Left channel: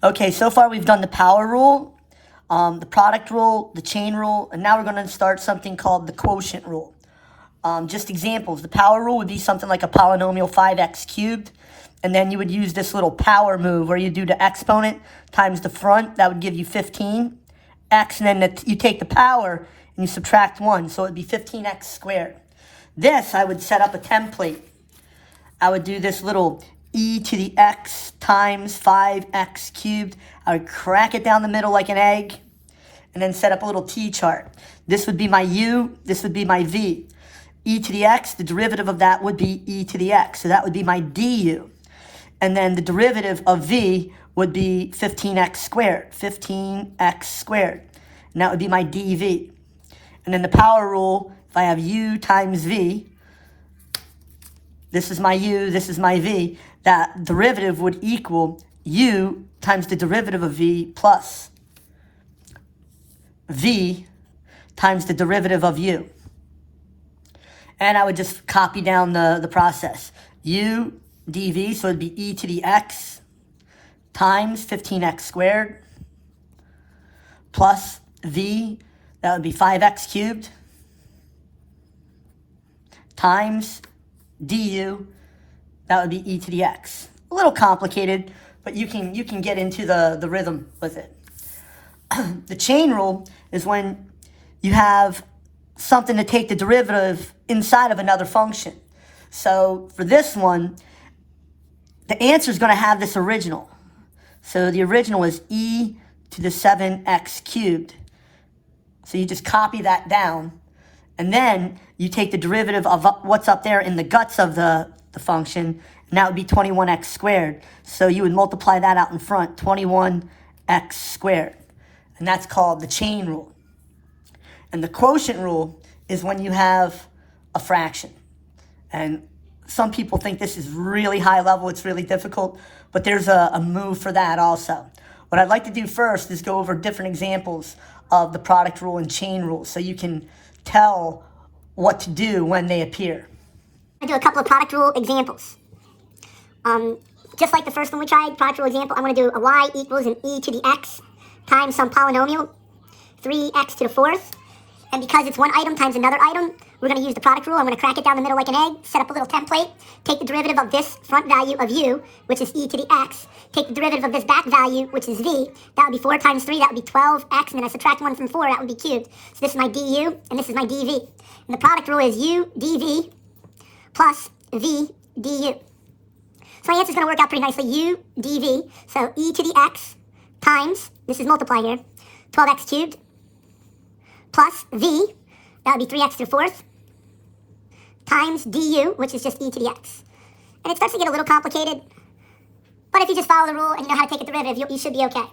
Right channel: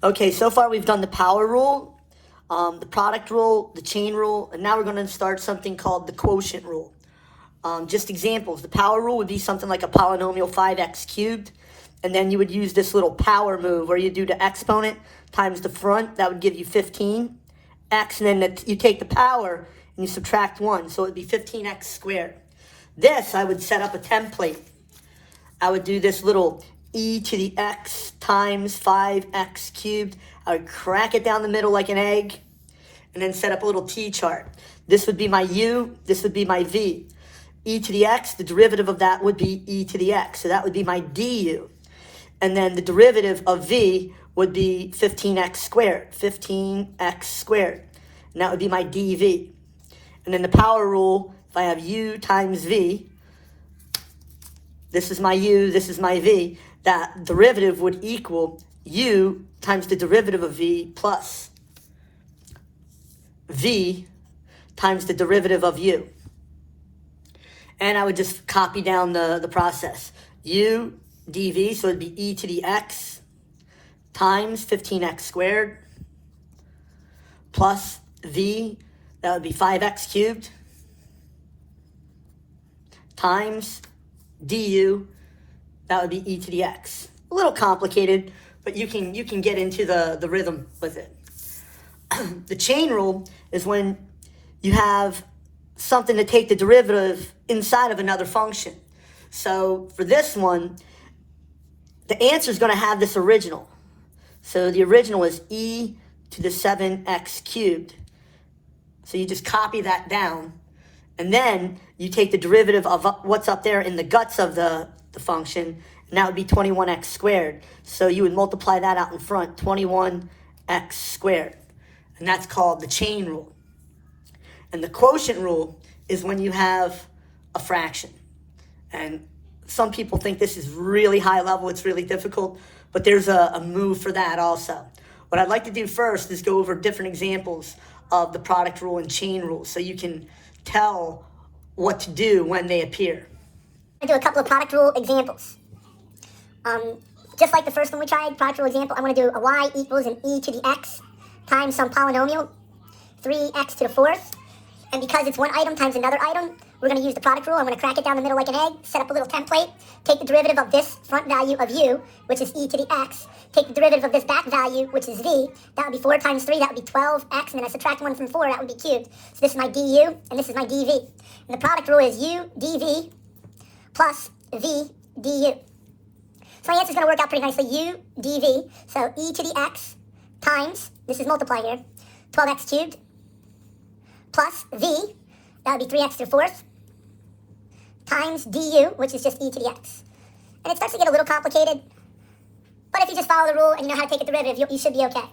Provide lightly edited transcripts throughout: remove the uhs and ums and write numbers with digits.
Okay, so far we've done the power rule, the product rule, the chain rule, and now we're going to start something called the quotient rule. Just examples. The power rule would be something like a polynomial 5x cubed, and then you would use this little power move where you do the exponent times the front. That would give you 15x, and then you take the power and you subtract 1, so it would be 15x squared. This, I would set up a template. I would do this little e to the x times 5x cubed. I would crack it down the middle like an egg, and then set up a little t-chart. This would be my u, this would be my v. E to the x, the derivative of that would be e to the x, so that would be my du. And then the derivative of v would be 15x squared, 15x squared. And that would be my dv. And then the power rule, if I have u times v, this is my u, this is my v, that derivative would equal u times the derivative of v plus v times the derivative of u. And I would just copy down the process. U dv, so it'd be e to the x times 15x squared plus v, that would be 5x cubed, times du, that would be e to the x. A little complicated, but you can get into the rhythm with it. The chain rule is when you have something to take the derivative inside of another function. So for this one, the answer is going to have this original. So the original is e to the 7x cubed. So you just copy that down, and then you take the derivative of what's up there in the guts of the function, and that would be 21x squared. So you would multiply that out in front, 21x squared. And that's called the chain rule. And the quotient rule is when you have a fraction. And some people think this is really high level, it's really difficult, but there's a move for that also. What I'd like to do first is go over different examples of the product rule and chain rule so you can tell what to do when they appear. I'm going to do a couple of product rule examples. Just like the first one we tried, product rule example, I'm going to do a y equals an e to the x times some polynomial, 3x to the fourth. And because it's one item times another item, we're going to use the product rule. I'm going to crack it down the middle like an egg, set up a little template, take the derivative of this front value of u, which is e to the x, take the derivative of this back value, which is v. That would be 4 times 3, that would be 12x, and then I subtract 1 from 4, that would be cubed. So this is my du, and this is my dv. And the product rule is u dv plus v du. So my answer is going to work out pretty nicely. U dv, so e to the x times, this is multiply here, 12x cubed, plus v, that would be 3x to the fourth, times du, which is just e to the x. And it starts to get a little complicated, but if you just follow the rule and you know how to take a derivative, you should be okay.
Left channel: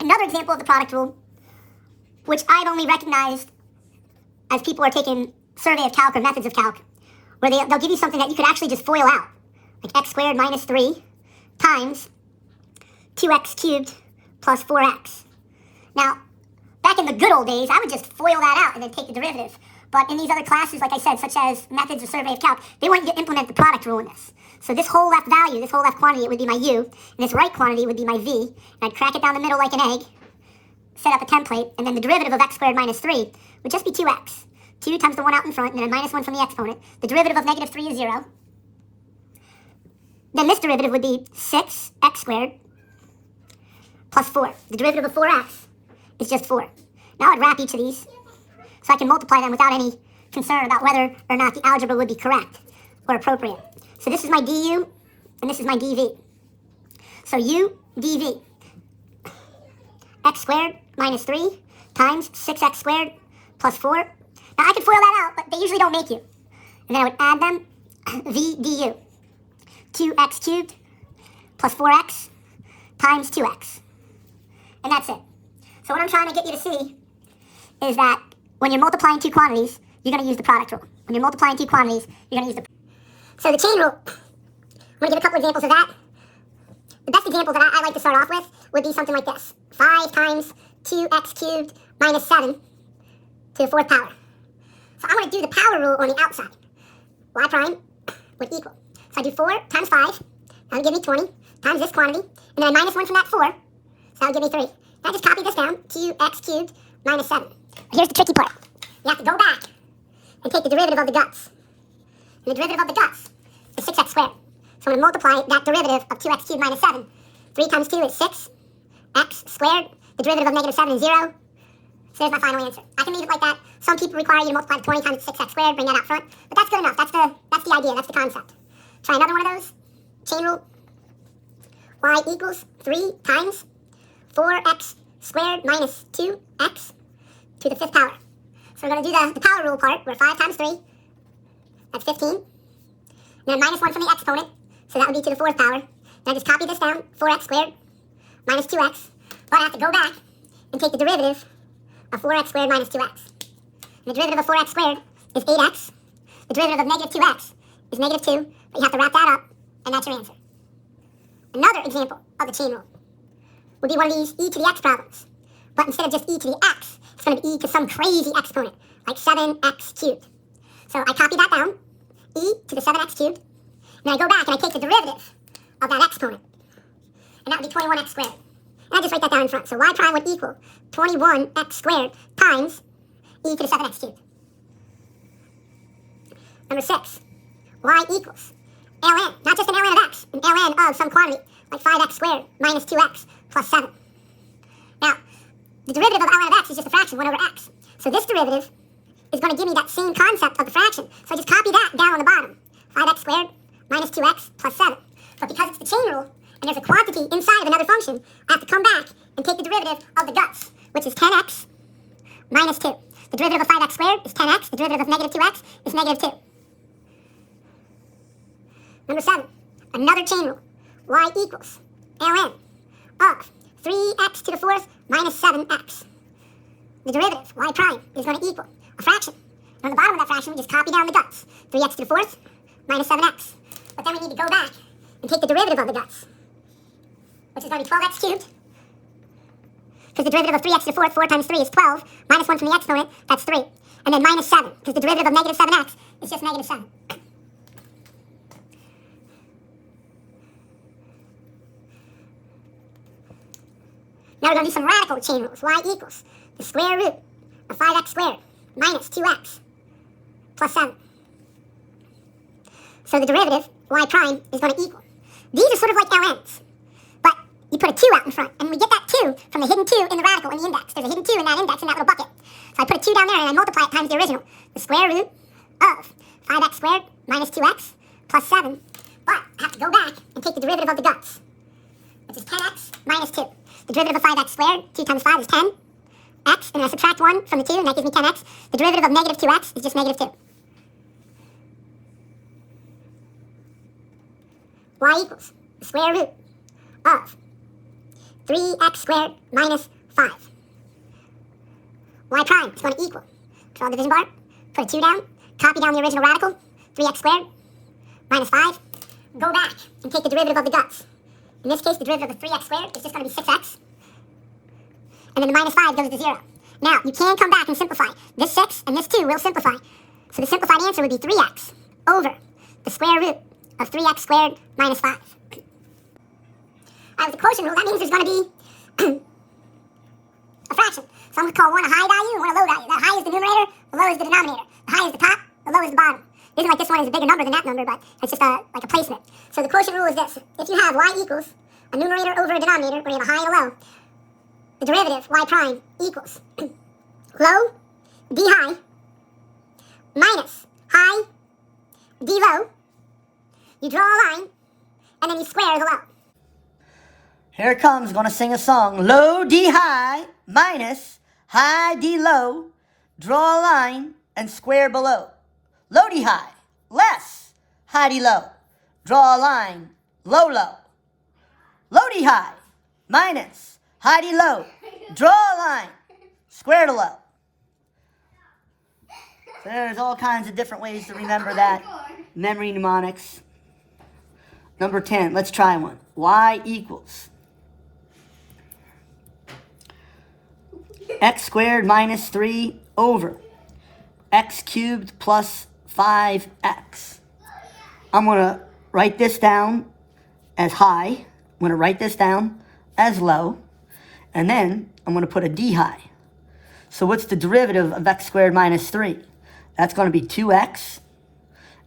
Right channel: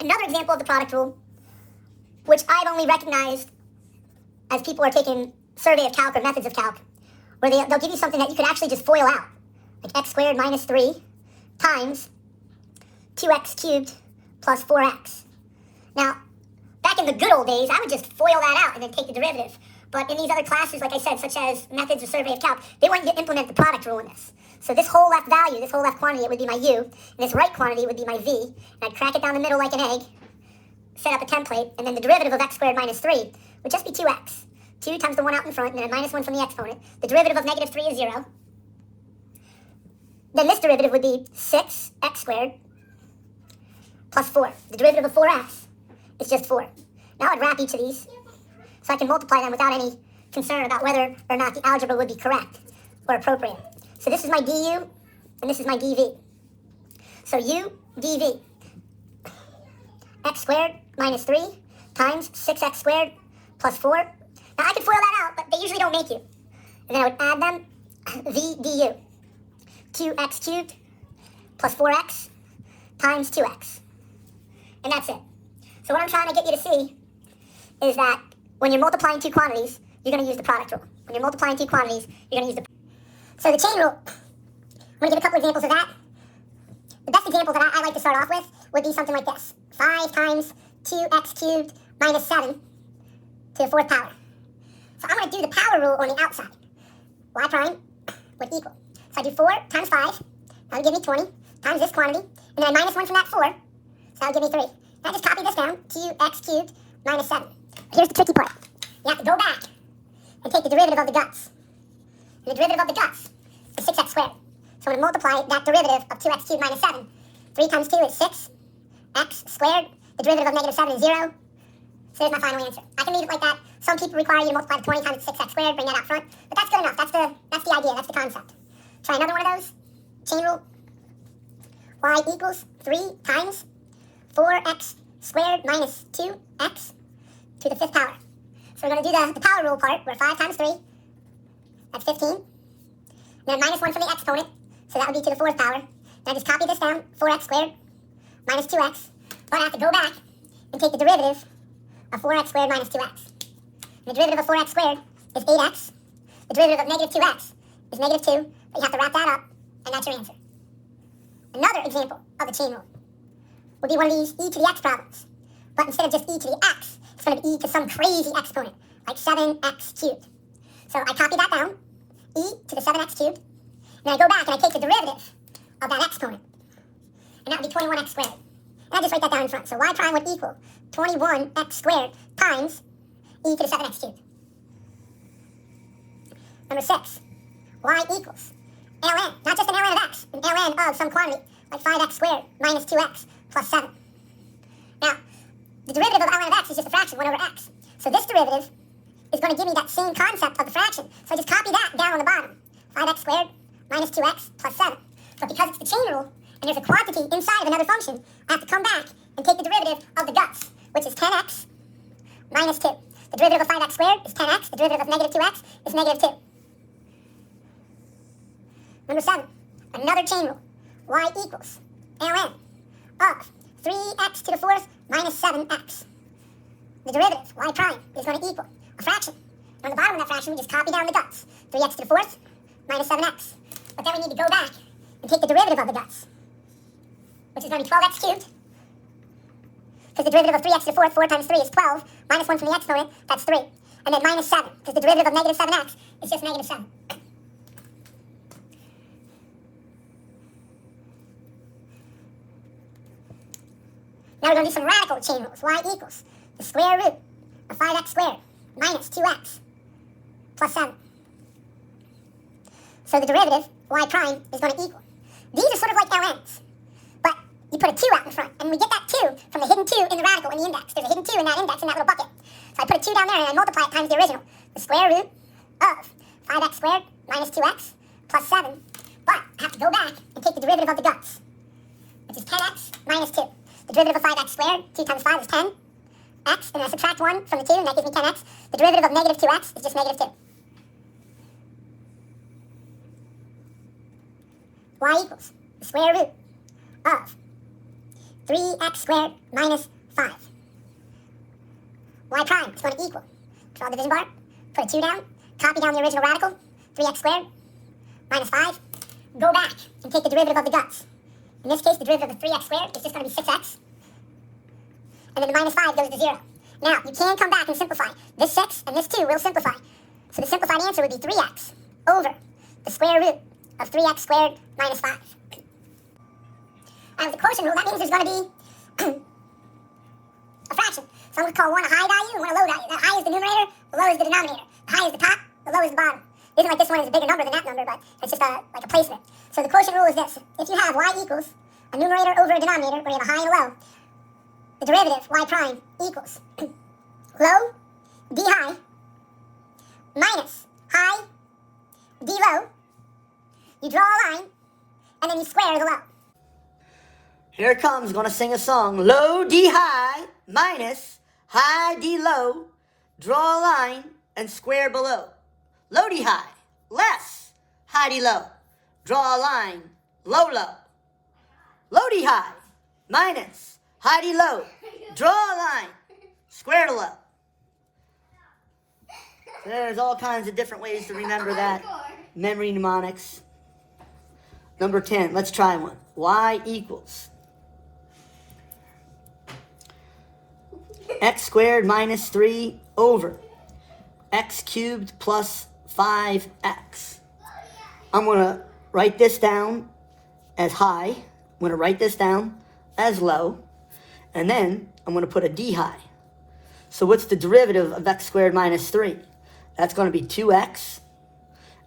Another example of the product rule, which I've only recognized as people are taking survey of calc or methods of calc, where they'll give you something that you could actually just FOIL out, like x squared minus 3 times 2x cubed plus 4x. Now, back in the good old days, I would just FOIL that out and then take the derivative. But in these other classes, like I said, such as methods or survey of calc, they want you to implement the product rule in this. So this whole left value, this whole left quantity, it would be my u, and this right quantity would be my v, and I'd crack it down the middle like an egg, set up a template, and then the derivative of x squared minus 3 would just be 2x. 2 times the 1 out in front, and then minus 1 from the exponent. The derivative of negative 3 is 0. Then this derivative would be 6x squared plus 4. The derivative of 4x is just 4. Now I'd wrap each of these so I can multiply them without any concern about whether or not the algebra would be correct or appropriate. So this is my du, and this is my dv. So u dv, x squared minus 3 times 6x squared plus 4. Now I could FOIL that out, but they usually don't make you. And then I would add them, v du, 2x cubed plus 4x times 2x. And that's it. So what I'm trying to get you to see is that when you're multiplying two quantities, you're going to use the product rule. When you're multiplying two quantities, you're going to use the... So the chain rule, I'm going to give a couple examples of that. The best example that I like to start off with would be something like this. 5 times 2x cubed minus 7 to the fourth power. So I'm going to do the power rule on the outside. Y prime would equal. So I do 4 times 5, that'll give me 20, times this quantity, And then I minus 1 from that 4. So that'll give me 3. Now just copy this down. 2x cubed minus 7. Here's the tricky part. You have to go back and take the derivative of the guts. And the derivative of the guts is 6x squared. So I'm going to multiply that derivative of 2x cubed minus 7. 3 times 2 is 6x squared. The derivative of negative 7 is 0. So there's my final answer. I can leave it like that. Some people require you to multiply 20 times 6x squared, bring that out front. But that's good enough. That's the idea. That's the concept. Try another one of those. Chain rule. Y equals 3 times 4x squared minus 2x to the 5th power. So we're going to do the power rule part, where 5 times 3, that's 15. And then minus 1 from the exponent, so that would be to the 4th power. Now just copy this down, 4x squared minus 2x. But I have to go back and take the derivative of 4x squared minus 2x. And the derivative of 4x squared is 8x. The derivative of negative 2x is negative 2, but you have to wrap that up, and that's your answer. Another example of the chain rule would be one of these e to the x problems. But instead of just e to the x, it's going to be e to some crazy exponent, like 7x cubed. So I copy that down, e to the 7x cubed, and I go back and I take the derivative of that exponent. And that would be 21x squared. And I just write that down in front. So y prime would equal 21x squared times e to the 7x cubed. Number 6, y equals ln, not just an ln of x, an ln of some quantity, like 5x squared minus 2x plus 7. Now, the derivative of ln of x is just a fraction, 1 over x. So this derivative is going to give me that same concept of the fraction. So I just copy that down on the bottom. 5x squared minus 2x plus 7. But because it's the chain rule, and there's a quantity inside of another function, I have to come back and take the derivative of the guts, which is 10x minus 2. The derivative of 5x squared is 10x. The derivative of negative 2x is negative 2. Number 7, another chain rule. Y equals ln of 3x to the 4th minus 7x. The derivative, y prime, is going to equal a fraction. And on the bottom of that fraction, we just copy down the guts. 3x to the 4th minus 7x. But then we need to go back and take the derivative of the guts, which is going to be 12x cubed. Because the derivative of 3x to the 4th, 4 times 3 is 12. Minus 1 from the exponent, that's 3. And then minus 7, because the derivative of negative 7x is just negative 7. Now we're going to do some radical chain rules. Y equals the square root of 5x squared minus 2x plus 7. So the derivative, y prime, is going to equal. These are sort of like ln's, but you put a 2 out in front, and we get that 2 from the hidden 2 in the radical in the index. There's a hidden 2 in that index in that little bucket. So I put a 2 down there, and I multiply it times the original. The square root of 5x squared minus 2x plus 7. But I have to go back and take the derivative of the guts, which is 10x minus 2. The derivative of 5x squared, 2 times 5 is 10. X, and I subtract 1 from the 2, and that gives me 10x. The derivative of negative 2x is just negative 2. Y equals the square root of 3x squared minus 5. Y prime is going to equal, draw the division bar, put a 2 down, copy down the original radical, 3x squared minus 5. Go back and take the derivative of the guts. In this case, the derivative of 3x squared is just going to be 6x. And then the minus 5 goes to 0. Now, you can come back and simplify. This 6 and this 2 will simplify. So the simplified answer would be 3x over the square root of 3x squared minus 5. With the quotient rule, that means there's going to be a fraction. So I'm going to call one a high value and one a low value. The high is the numerator, the low is the denominator. The high is the top, the low is the bottom. It isn't like this one is a bigger number than that number, but it's just like a placement. So the quotient rule is this. If you have y equals a numerator over a denominator, where you have a high and a low, the derivative, y prime, equals low, d high, minus high, d low. You draw a line, and then you square the low. Here it comes. Going to sing a song. Low D high minus high D low. Draw a line and square below. Low D high less high D low. Draw a line low low. Low D high minus high D low. Draw a line square to low. There's all kinds of different ways to remember that. Memory mnemonics. Number 10. Let's try one. Y equals x squared minus 3 over x cubed plus 5x. I'm going to write this down as high. going to write this down as low, and then I'm going to put a d high. So what's the derivative of x squared minus 3? That's going to be 2x,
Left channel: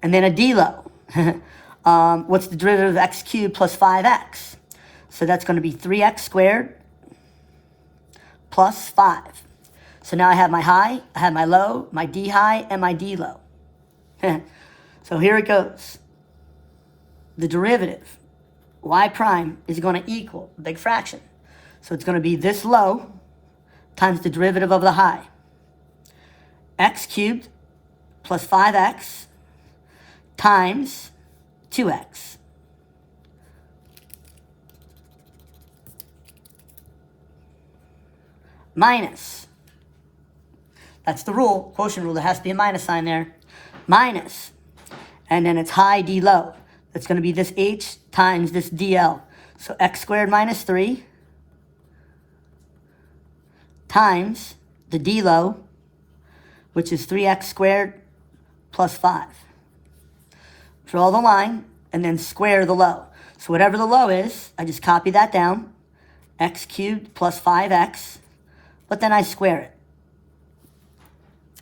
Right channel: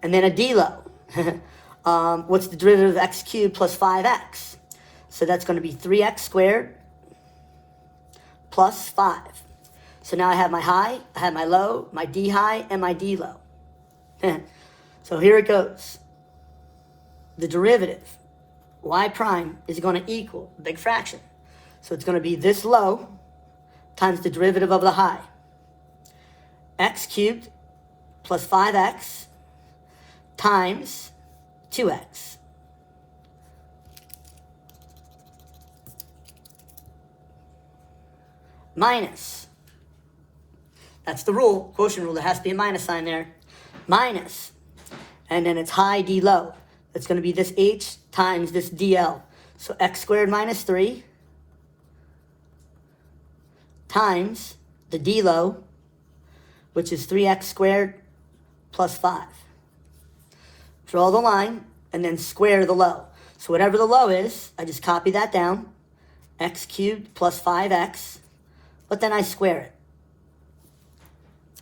and then a d low. What's the derivative of x cubed plus 5x? So that's going to be 3x squared plus 5. So now I have my high, I have my low, my d high, and my d low. So here it goes. The derivative, y prime, is going to equal a big fraction. So it's going to be this low times the derivative of the high. X cubed plus 5x times 2x. Minus. That's the rule, quotient rule. There has to be a minus sign there. Minus. And then it's high d low. That's going to be this h times this dl. So x squared minus 3 times the d low, which is 3x squared plus 5. Draw the line and then square the low. So whatever the low is, I just copy that down. X cubed plus 5x, but then I square it.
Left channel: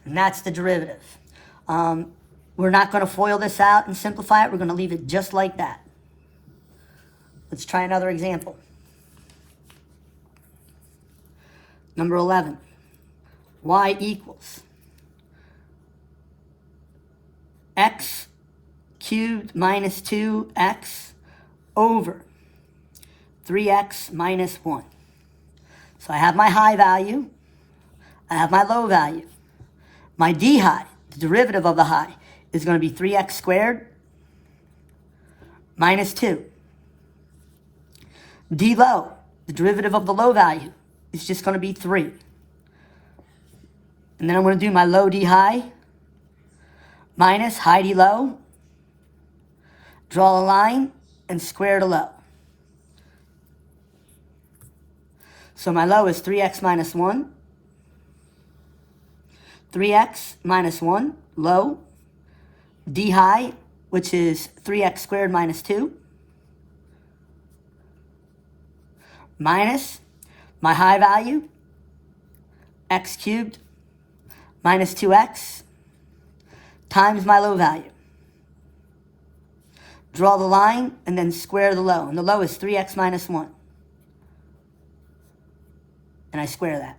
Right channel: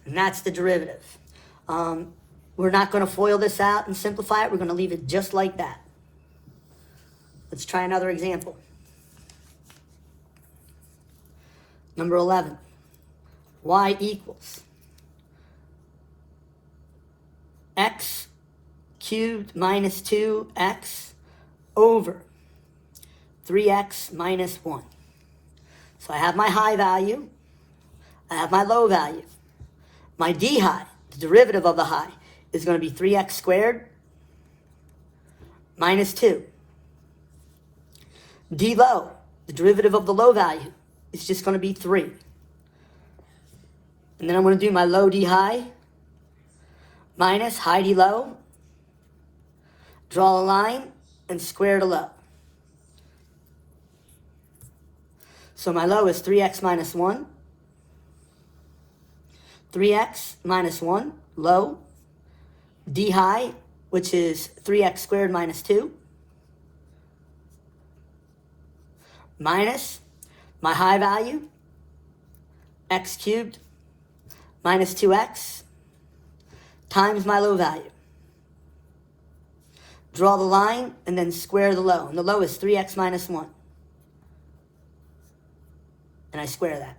And that's the derivative. We're not going to FOIL this out and simplify it. We're going to leave it just like that. Let's try another example. Number 11. Y equals x cubed minus 2x over 3x minus 1. So I have my high value. I have my low value. My d high, the derivative of the high, is going to be 3x squared minus 2. D low, the derivative of the low value, is just going to be 3. And then I'm going to do my low d high minus high d low. Draw a line and square the low. So my low is 3x minus 1. 3x minus 1, low. D high, which is 3x squared minus 2. Minus my high value, x cubed minus 2x, times my low value. Draw the line and then square the low. And the low is 3x minus 1. And I square that.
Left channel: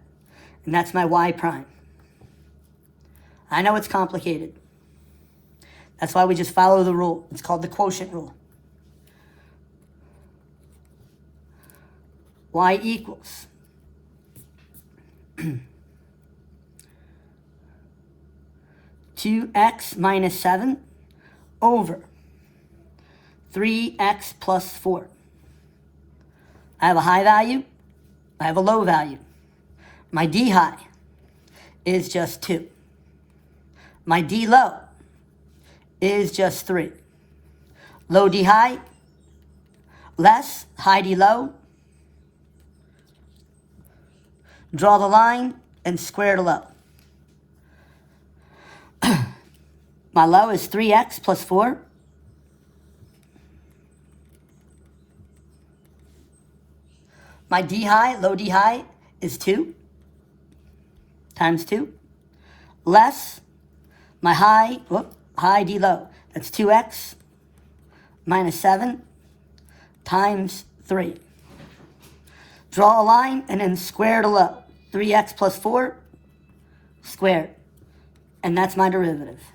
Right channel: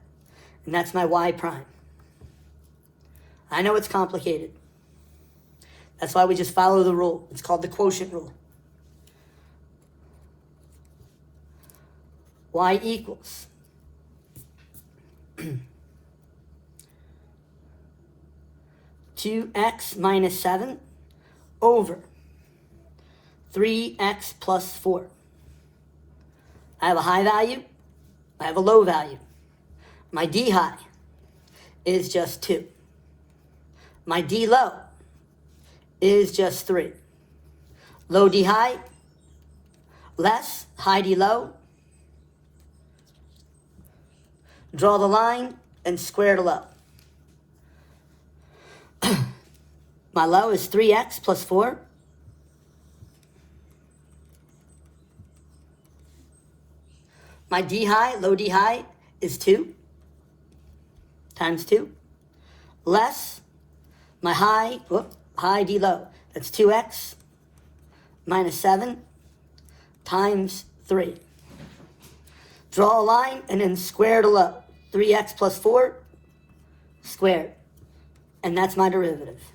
And that's my y prime. I know it's complicated. That's why we just follow the rule. It's called the quotient rule. Y equals 2x minus 7 over 3x plus 4. I have a high value. I have a low value. My d high is just 2. My d low is just 3. Low d high less high d low. Draw the line and square the low. My low is 3x plus 4. My d high, low d high, is 2 times 2. Less my high d low. That's 2x minus 7 times 3. Draw a line and then square the low. 3x plus 4 squared. And that's my derivative.